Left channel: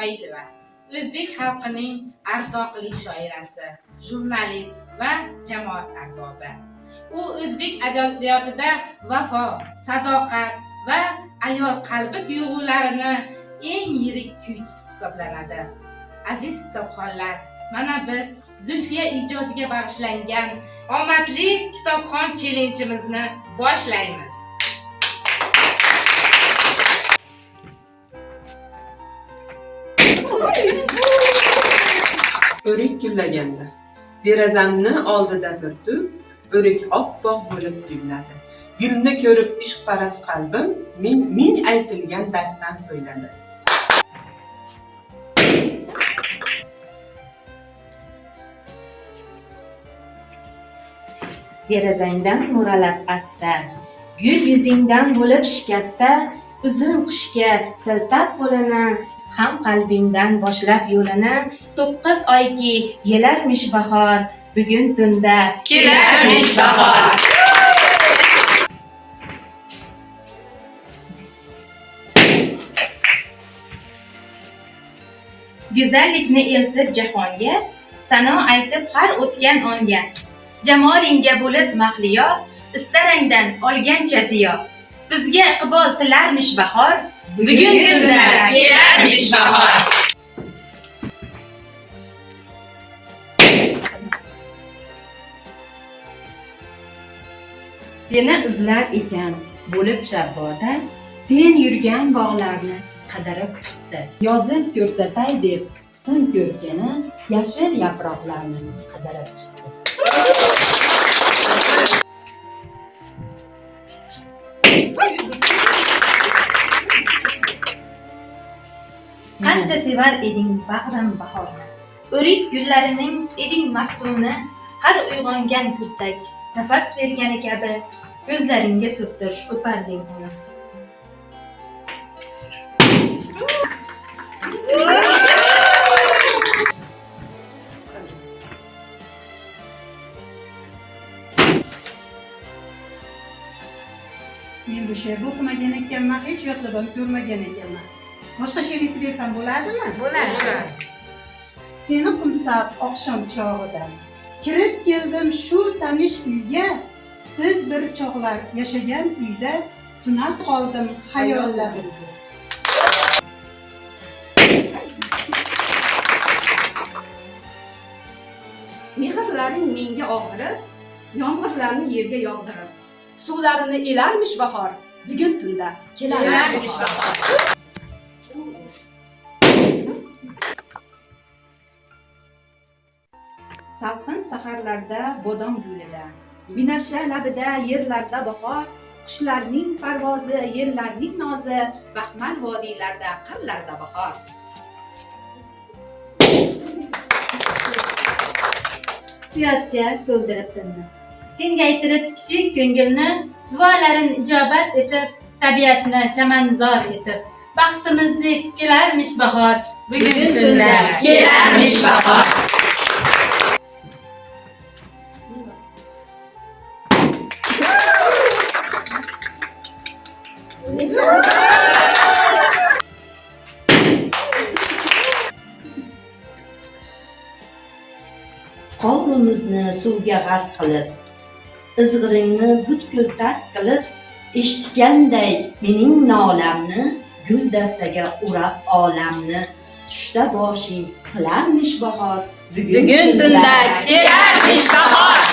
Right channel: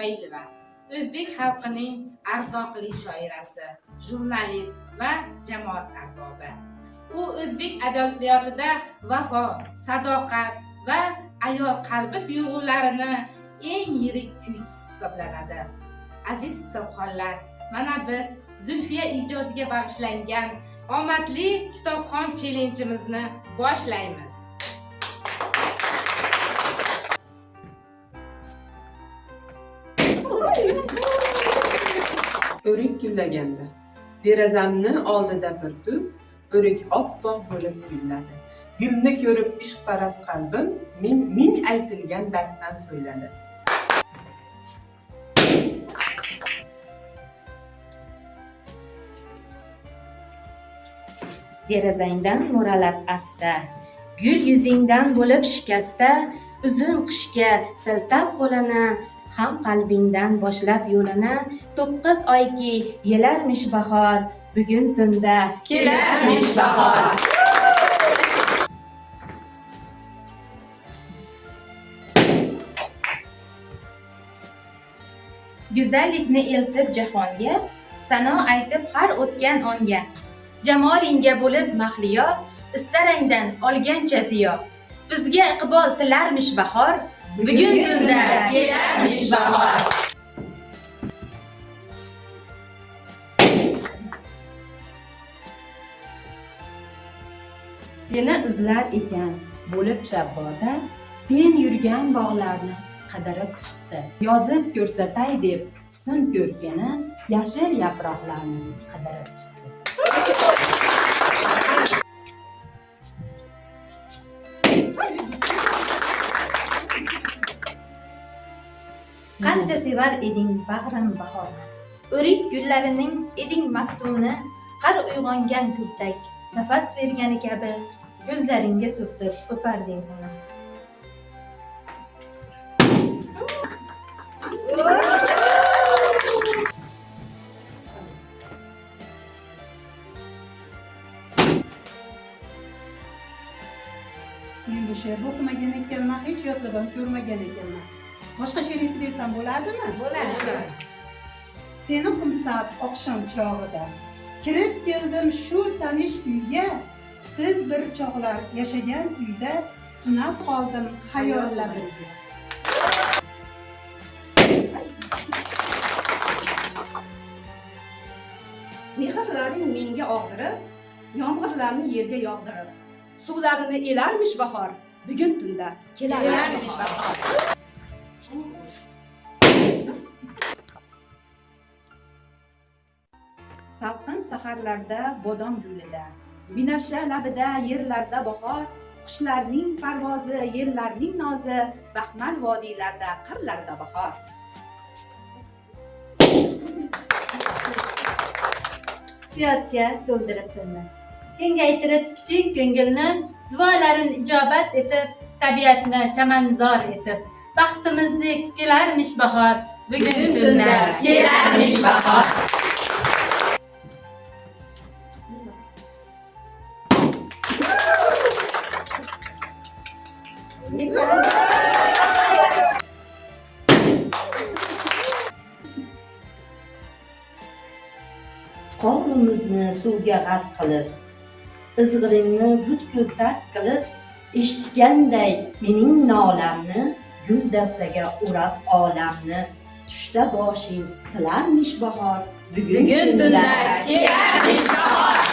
Ismoilova, o'zbek xalqining ardoqli shoirasi, jurnalist va jamoat arbobi. U o'zbek adabiyotida vafo, sadoqat va ayol qalbi tuyg'ularini eng yirik kuychisi hisoblanadi. Aziz kitobxonlar, mana biz Zulfiya ijodiga bag'ishlangan omadli kitobxon chellenjimizni boshlaymiz. O'rik gullaganda derazamni oldida bir tup o'rik oppoq bo'lib gulladi. Gulni ko'rib ishqparast qalbim ming aytilgan darddan so'yladi. Derazangdan mo'ralab asta, gul yuzingdan bo'lib shikasta, uzun qishga siltab qo'lini, ham qalbingdan boshlab yo'lini, 9 oyki yelarmish bahor, bugun tunda kelarmish bahor. Go'zallikni eltib jahonga, sano aytib har o'tgan onga. Jamolingga bo'lib mahliyo, istarangdan olgancha ziyo. Bizga iqbol tilarmish bahor, bugun kunda kelarmish bahor. Seni izlar ekan bo'lib shabboda, sen yurgan bog'larni qidirib chiqdi. Yozib ko'rsatay deb husn ko'rkini, yashil yaproqlarni qidirib chiqdi. Qancha sevar eding bag'rim bahorni, o'rik gullarining eding maftuni, har uyg'ongan guldak nafas bergani kabi ko'zlaringga surtib o'parding uni. Men bu she'rni o'qimagan ekanman, hech yodlab ham ko'rmagan ekanman. Boshqa she'r aytib bersam bo'ladimi? Bo'ladi. Seni qumsab oqshom chog'ida kirib keldim shu tanish uyga, biz bir chog'lar yashagan uyda tunab qoldim xayollarimga. Mehrlaring menga og'irib, yomg'irlarni yerga yog'dirib, suvlarini elarmish bahor, bugun tunda kelarmish bahor. Salqin saharlarda bodom gulida, binafsha labida yerlarda bahor, qushlarning parvozi, yerlarning nozi, baxmal vodiylarda, qirlarda bahor. Hayotga to'ldirib tilni, kengaytirib kichik ko'ngilni, duolarin ijobat etib, tabiatni chamanzor etib, baxtimizni kelarmish bahor, bugun tunda kelarmish bahor. Qovrimizni suvga g'arq qilib, izg'iringni butkul tark qilib, eshitganday mening nolamni, guldastaga urab olamni, tushda boshing qilarmish bahor, Bugun tunda kelarmish bahor.